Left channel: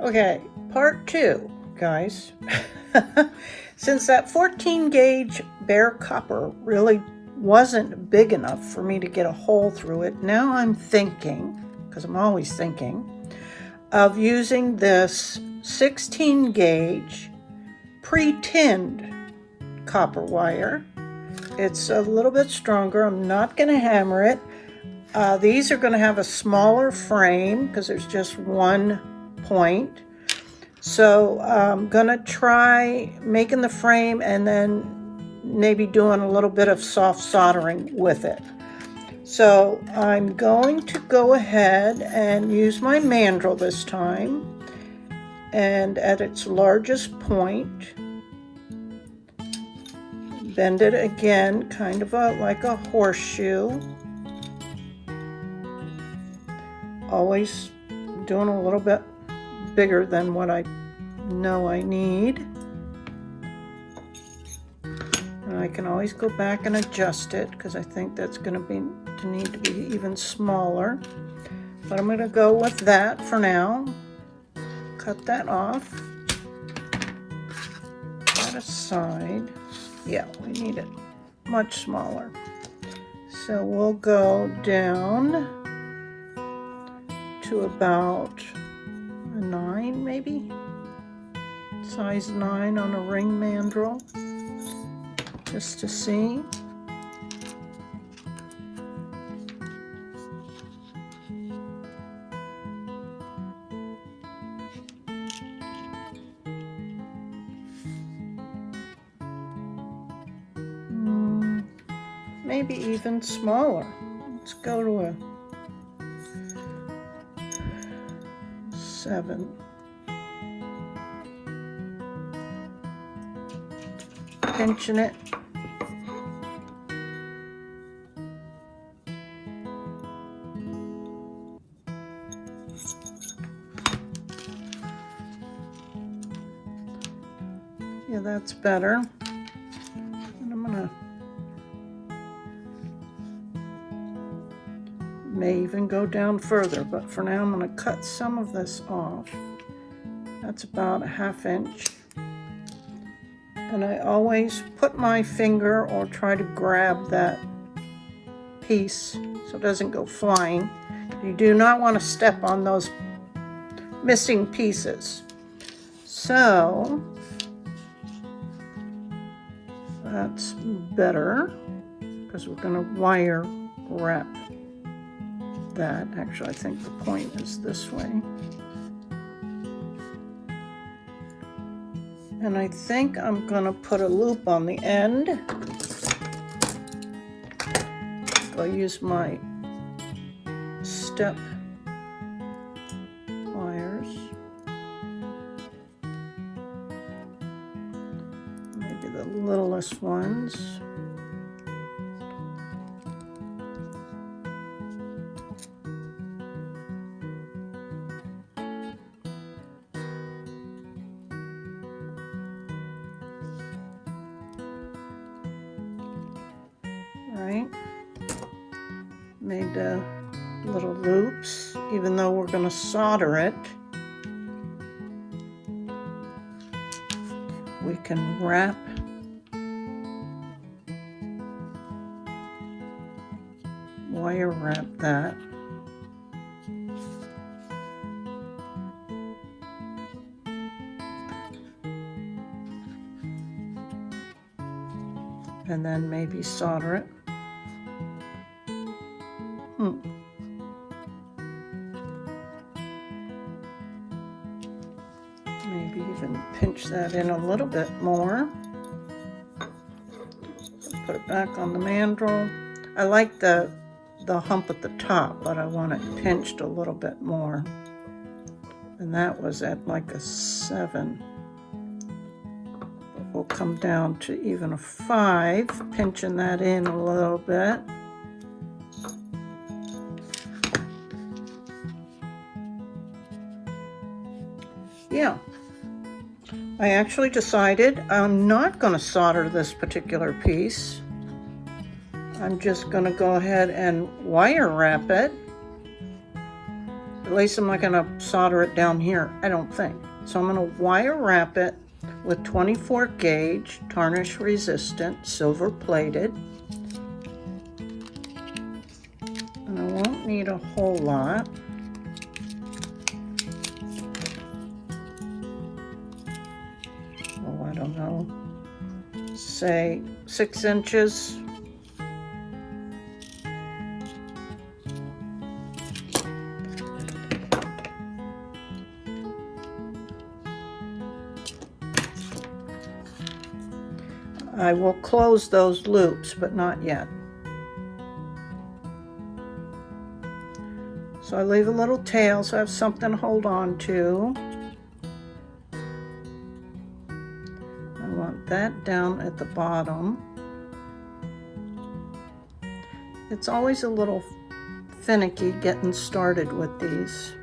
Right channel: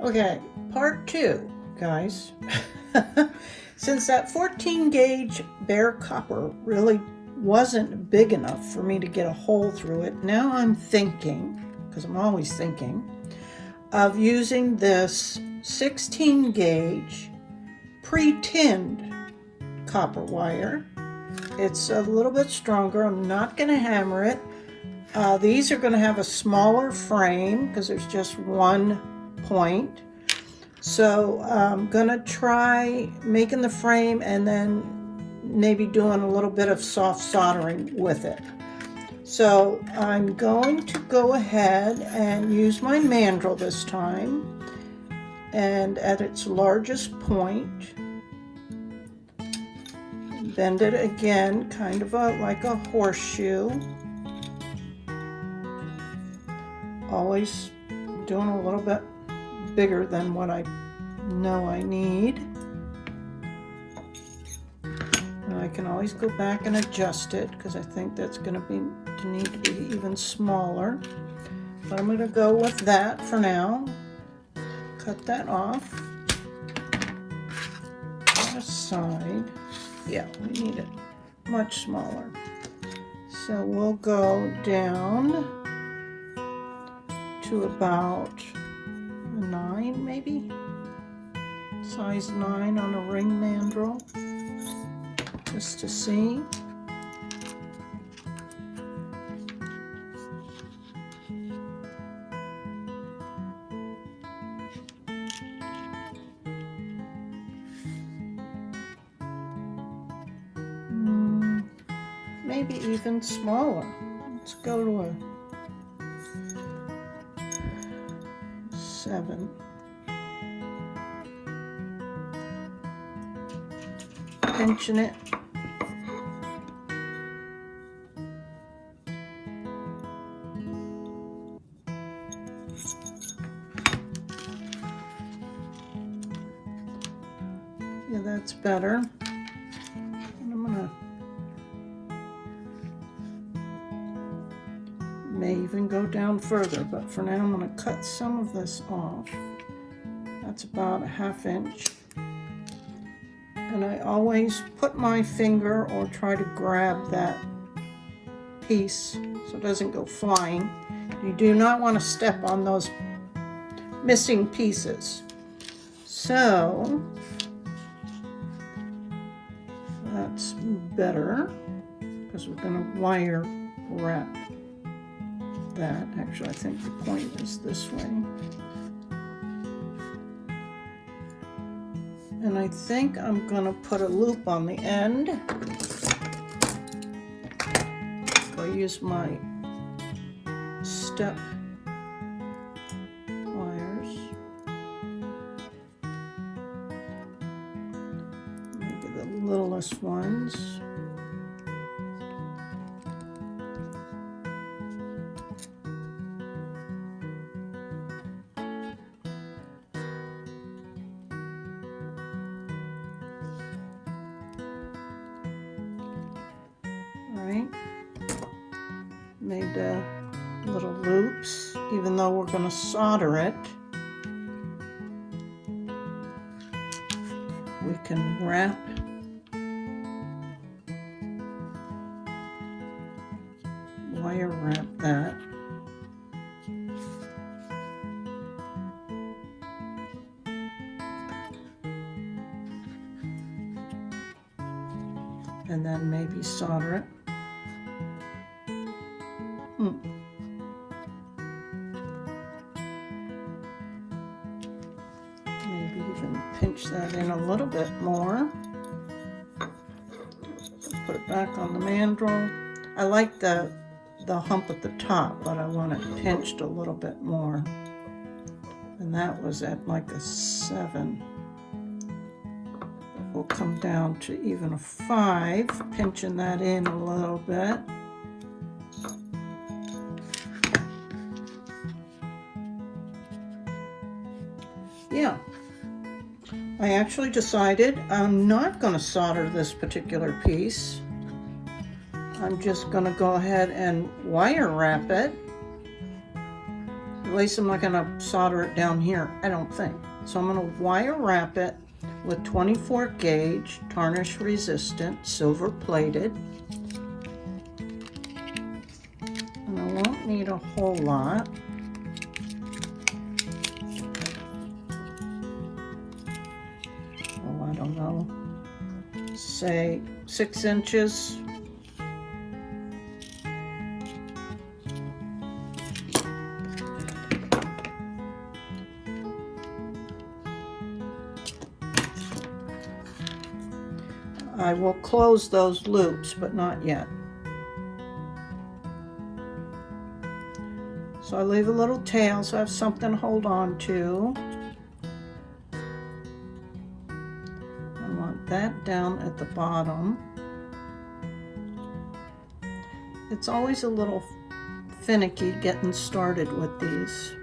Okay, part 2, guys. Since that 14 gauge bare copper really wasn't big enough for me to get a hole through it, now I'm thinking, because I'm always thinking, of using this 16 gauge pre-tinned copper wire. It's a little bit stronger. I'm not going to hammer it. These are going to have a smaller frame because there's just one point. So I'm going to try making the frame and then maybe doing a little bit of soft soldering with it. So I'm going to go ahead and use my mandrel this time, and at its largest point, bend it again, kind of like a horseshoe. Always doing a little bit bigger than what I know I need. And I can always go back and adjust it because I think that's going to need to be even smaller. But I'm going to go with that for now. Cut that off. That aside. Yeah, we need it much smaller. So we'll go down to about a 9 maybe. Size 9 on a ring mandrel. Just to see. Maybe even smaller. Let's go to a 7. Pinching it. Yeah, that's better. And I'm gonna may even go down further, but for now I'm going to cut some of this off. That's about a 1/2 inch. And I always put my finger or try to grab that piece so it doesn't go flying. You do not want to step on those missing pieces. So that's better because we're going to wire wrap that. Actually, I think the point is this way. And I think I'm going to put a loop on the end. I'll use my step pliers. Maybe the littlest ones. Right, made little loops, even though we're going to solder it. We can wrap wire wrap that. And then maybe solder it. Maybe even pinch that in a little bit more. Put it back on the mandrel. I like the hump at the top, but I want it pinched a little bit more. And that was at like a 7. But we'll come down to even a 5, pinching that in a little bit. Yeah, I actually decided I'm not going to solder this particular piece. I'm just going to go ahead and wire wrap it. At least I'm not going to solder it down here, I don't think. So I'm going to wire wrap it with 24 gauge, tarnish resistant, silver plated. And I won't need a whole lot. Oh, I don't know. Say 6 inches. I will close those loops, but not yet. So I leave a little tail so I have something to hold on to. I want that down at the bottom. It's always a little finicky getting started with these.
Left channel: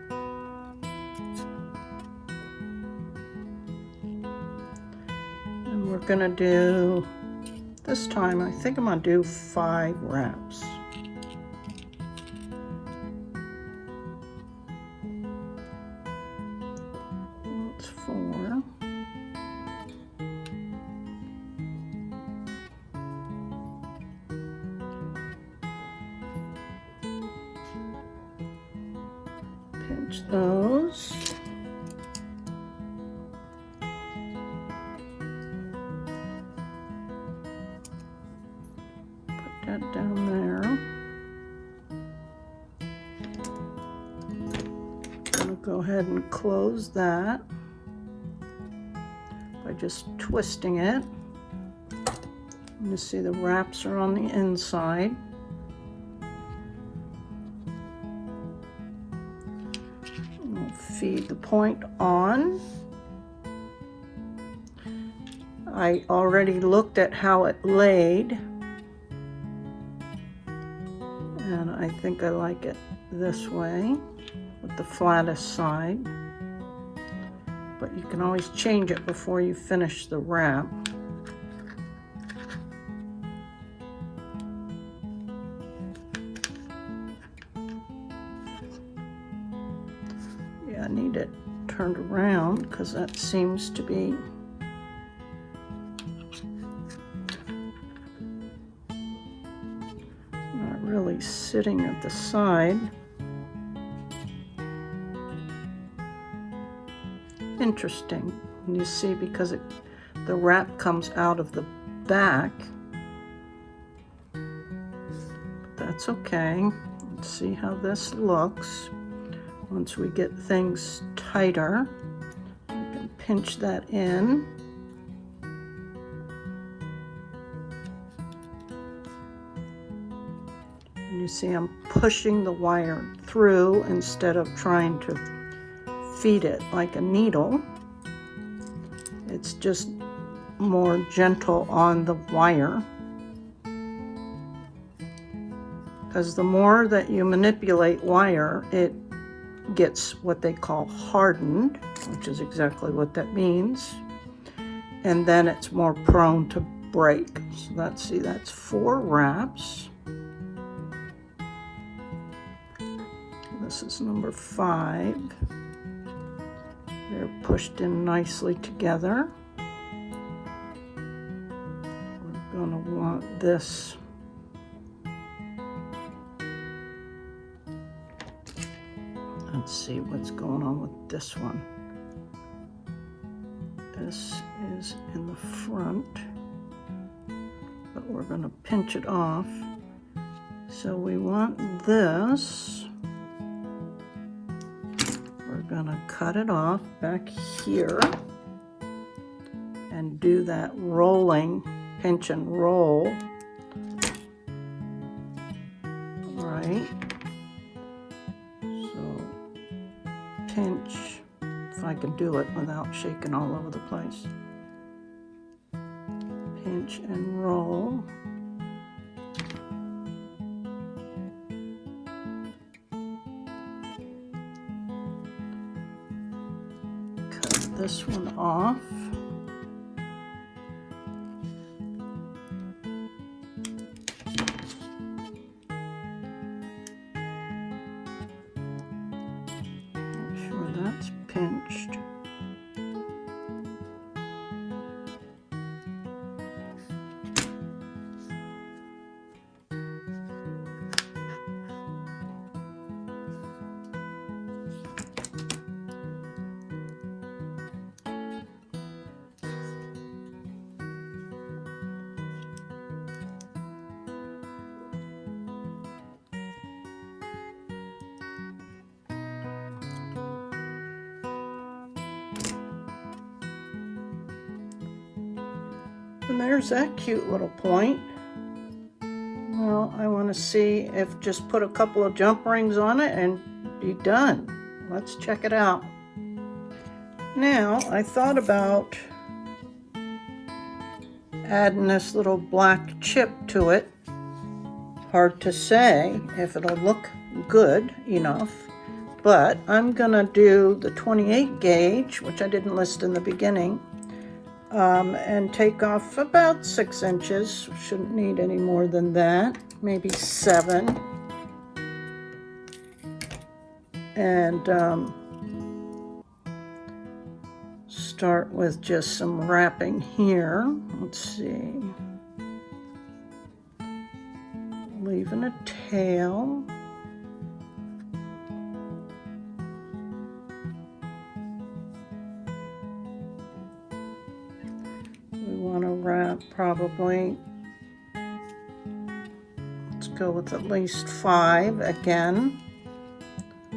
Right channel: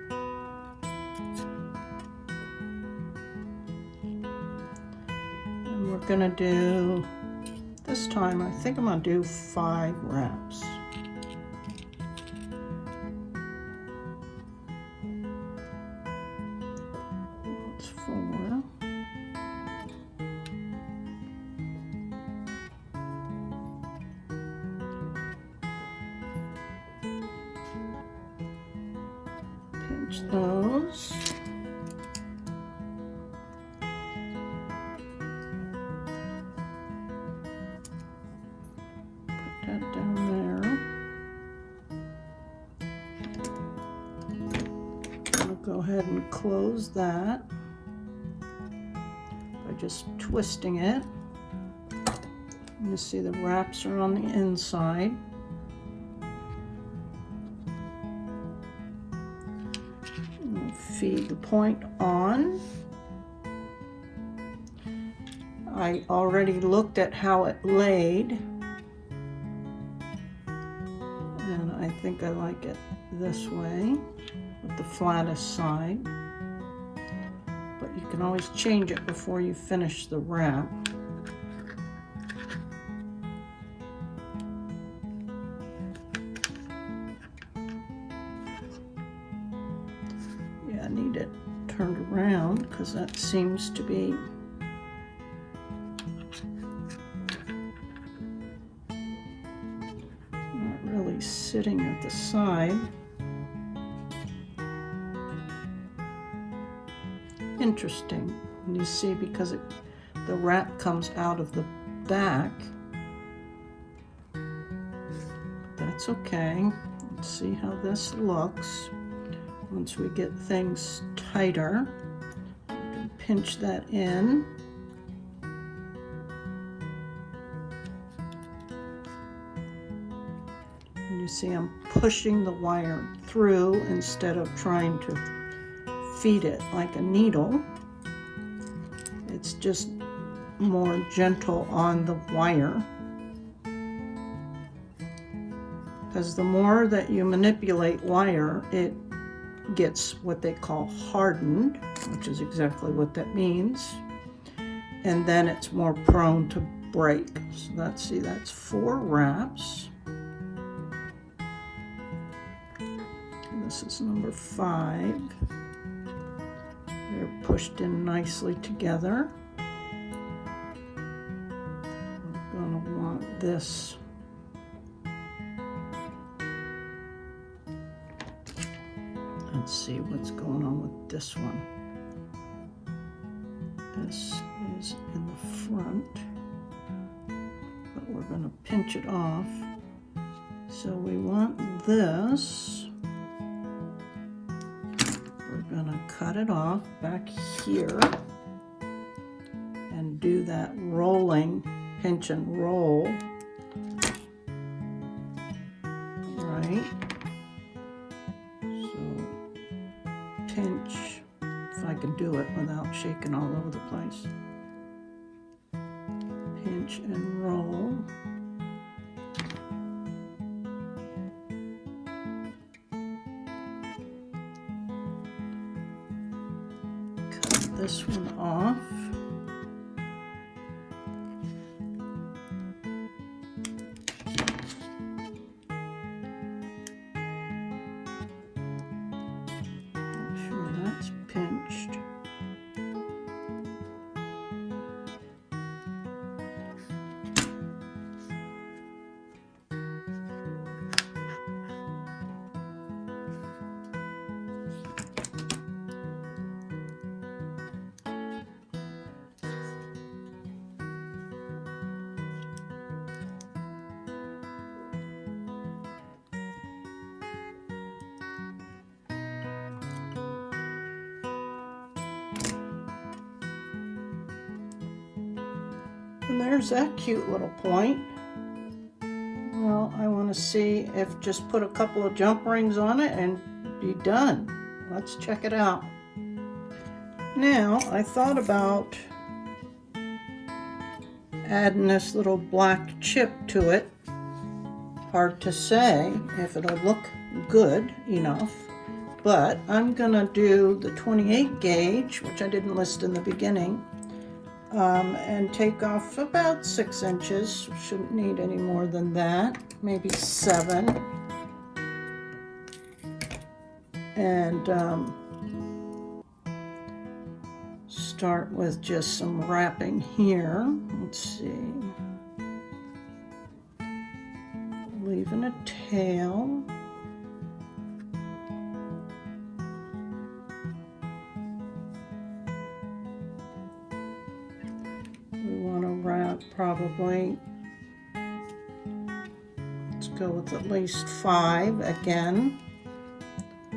And we're gonna do, this time I think I'm gonna do 5 wraps. That's 4. Pinch those. Put that down there. I'm going to go ahead and close that by just twisting it. You see the wraps are on the inside. We'll feed the point on. I already looked at how it laid, and I think I like it this way with the flattest side, but you can always change it before you finish the wrap. Yeah, I need it turned around because that seems to be not really sitting at the side. Interesting. And you see, because the wrap comes out of the back, but that's okay. Let's see how this looks. Once we get things tighter, we can pinch that in. And you see I'm pushing the wire through instead of trying to feed it like a needle. It's just more gentle on the wire. Because the more that you manipulate wire, it gets what they call hardened, which is exactly what that means. And then it's more prone to break. So let's see, that's 4 wraps. This is number 5. They're pushed in nicely together. We're gonna want this Let's see what's going on with this one. This is in the front, but we're going to pinch it off. So we want this. We're going to cut it off back here and do that rolling, pinch and roll. All right. So pinch, if I can do it without shaking all over the place. Pinch and roll. Cut this one off. Make sure that's pinched. And there's that cute little point. Well, I want to see if just put a couple of jump rings on it and be done. Let's check it out. Now, I thought about adding this little black chip to it. Hard to say if it'll look good enough, but I'm gonna do the 28 gauge, which I didn't list in the beginning, and take off about 6 inches. Shouldn't need any more than that, maybe 7. And start with just some wrapping here. Let's see. Leaving a tail. We want to wrap probably, let's go with at least 5 again.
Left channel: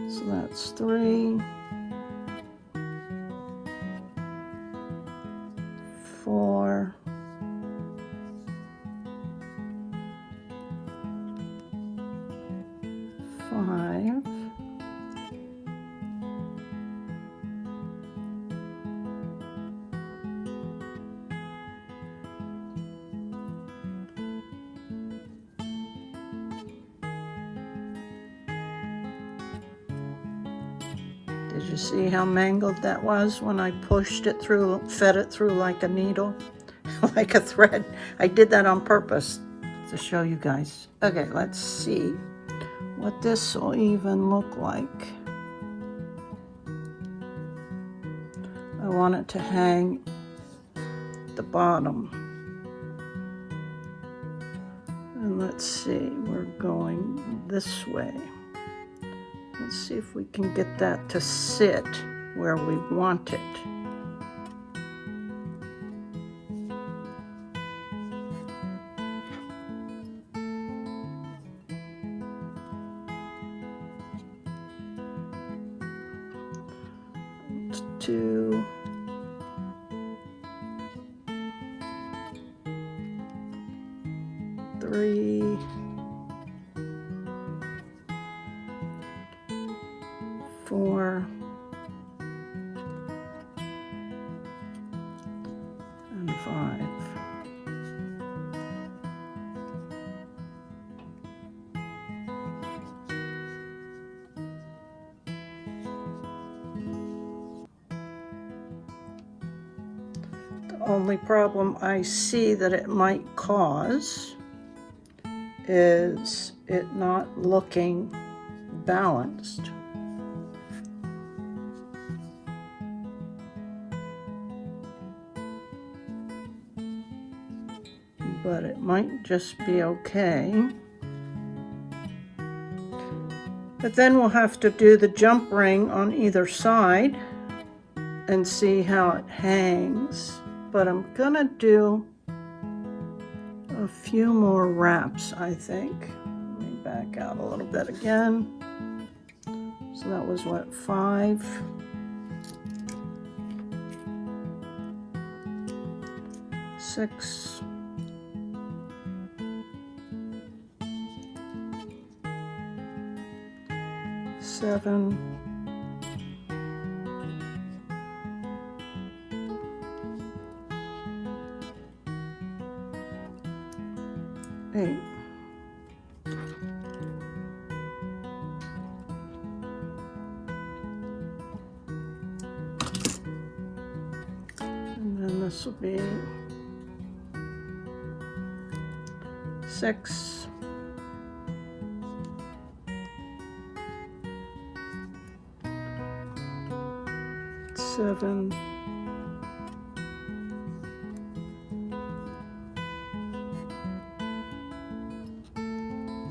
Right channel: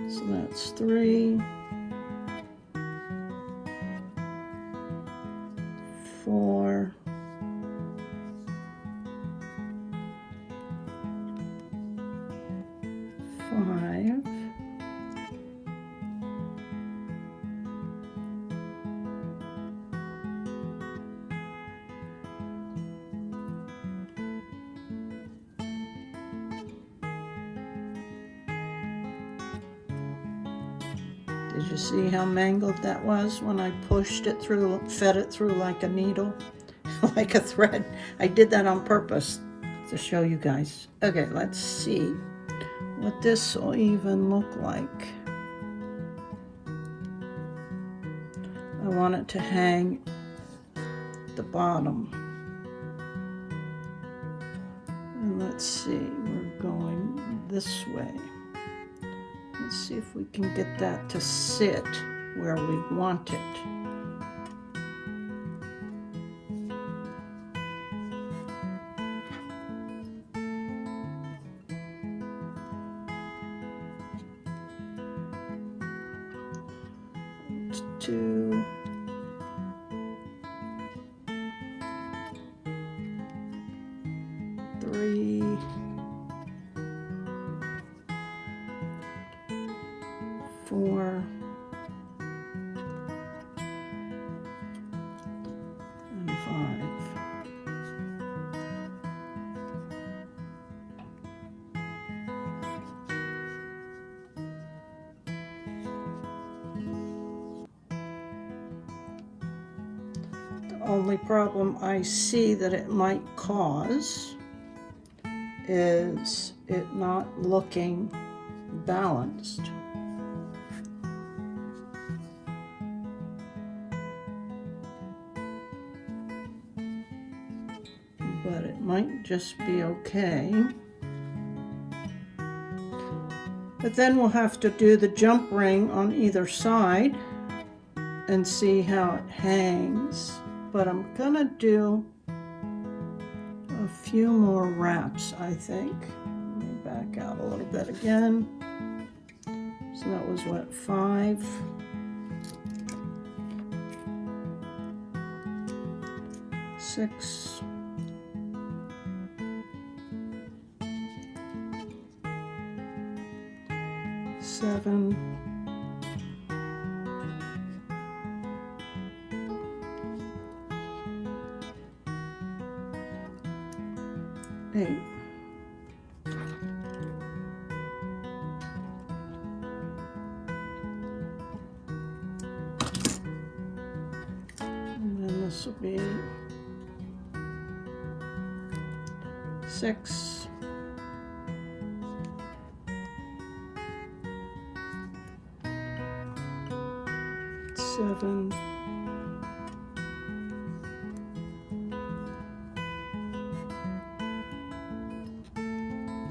So that's 3, 4, 5, Did you see how mangled that was when I pushed it through, fed it through like a needle, like a thread? I did that on purpose to show you guys. Okay, let's see what this will even look like. I want it to hang the bottom. And let's see, we're going this way. Let's see if we can get that to sit where we want it. Let's do 3, 4, and 5. The only problem I see that it might cause is it not looking balanced. But it might just be okay. But then we'll have to do the jump ring on either side and see how it hangs. But I'm gonna do a few more wraps, I think. Let me back out a little bit again. So that was what, 5? 6. 7. 8. And then this will be 6. 7,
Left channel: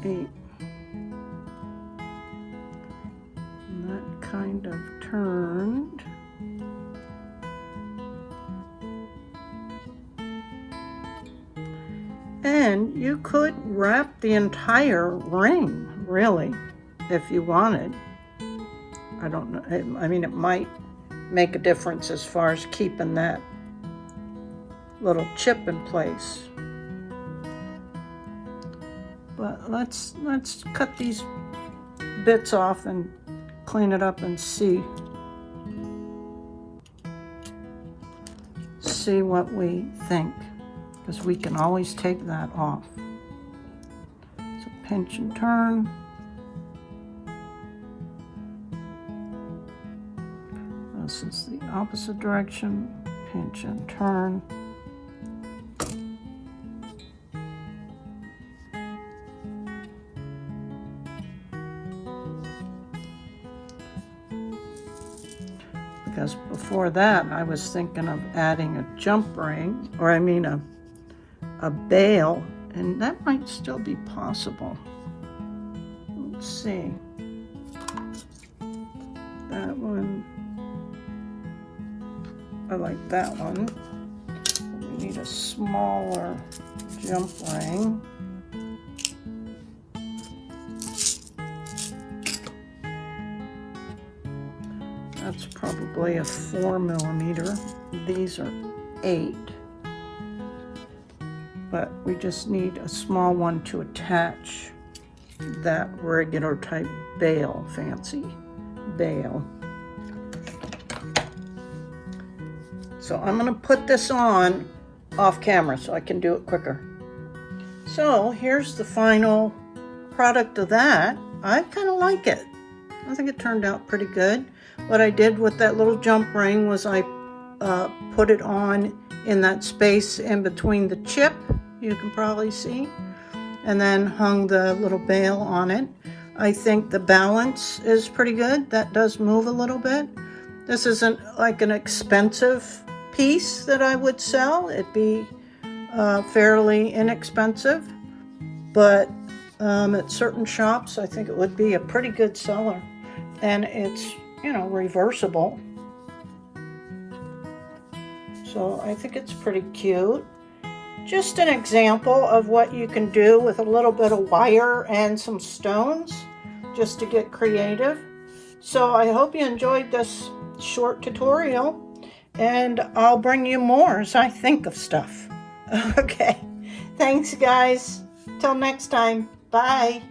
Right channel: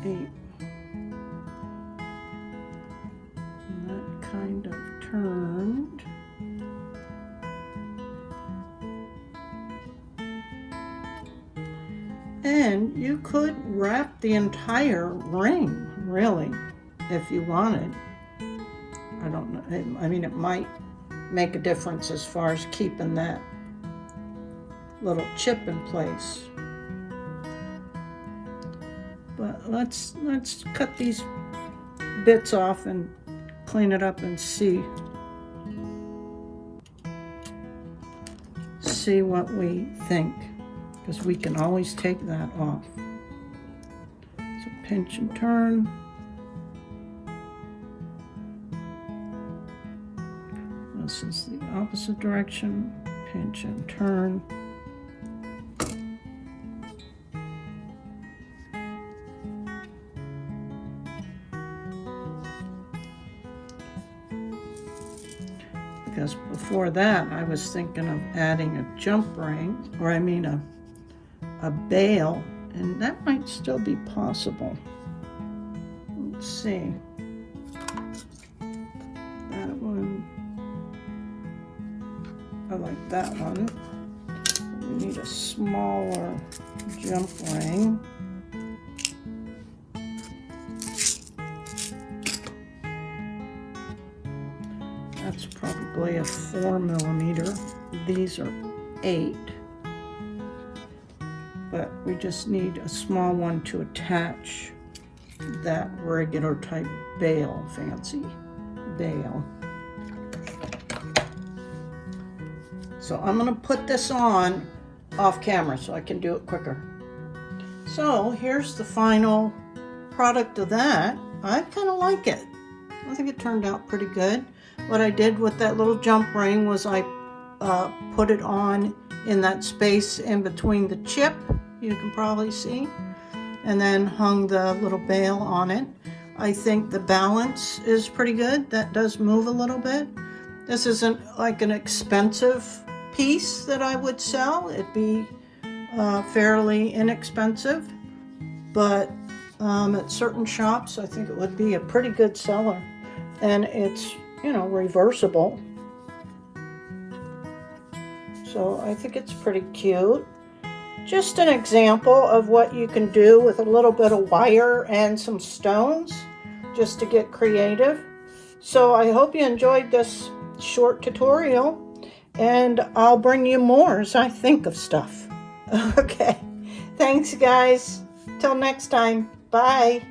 8. And that kind of turned. And you could wrap the entire ring, really, if you wanted. I don't know. I mean, it might make a difference as far as keeping that little chip in place. But let's cut these bits off and clean it up and see what we think, because we can always take that off. So pinch and turn. This is the opposite direction. Pinch and turn. Because before that, I was thinking of adding a jump ring, or I mean a bail, and that might still be possible. Let's see. That one, I like that one. But we need a smaller jump ring. That's probably a 4mm. These are 8. But we just need a small one to attach that regular type bail, fancy bail. So I'm going to put this on off camera so I can do it quicker. So here's the final product of that. I kind of like it. I think it turned out pretty good. What I did with that little jump ring was I put it on in that space in between the chip, you can probably see, and then hung the little bail on it. I think the balance is pretty good. That does move a little bit. This isn't like an expensive piece that I would sell. It'd be fairly inexpensive, but at certain shops, I think it would be a pretty good seller. And it's, you know, reversible. So I think it's pretty cute. Just an example of what you can do with a little bit of wire and some stones, just to get creative. So I hope you enjoyed this short tutorial, and I'll bring you more as I think of stuff. Okay, thanks guys. Till next time, bye.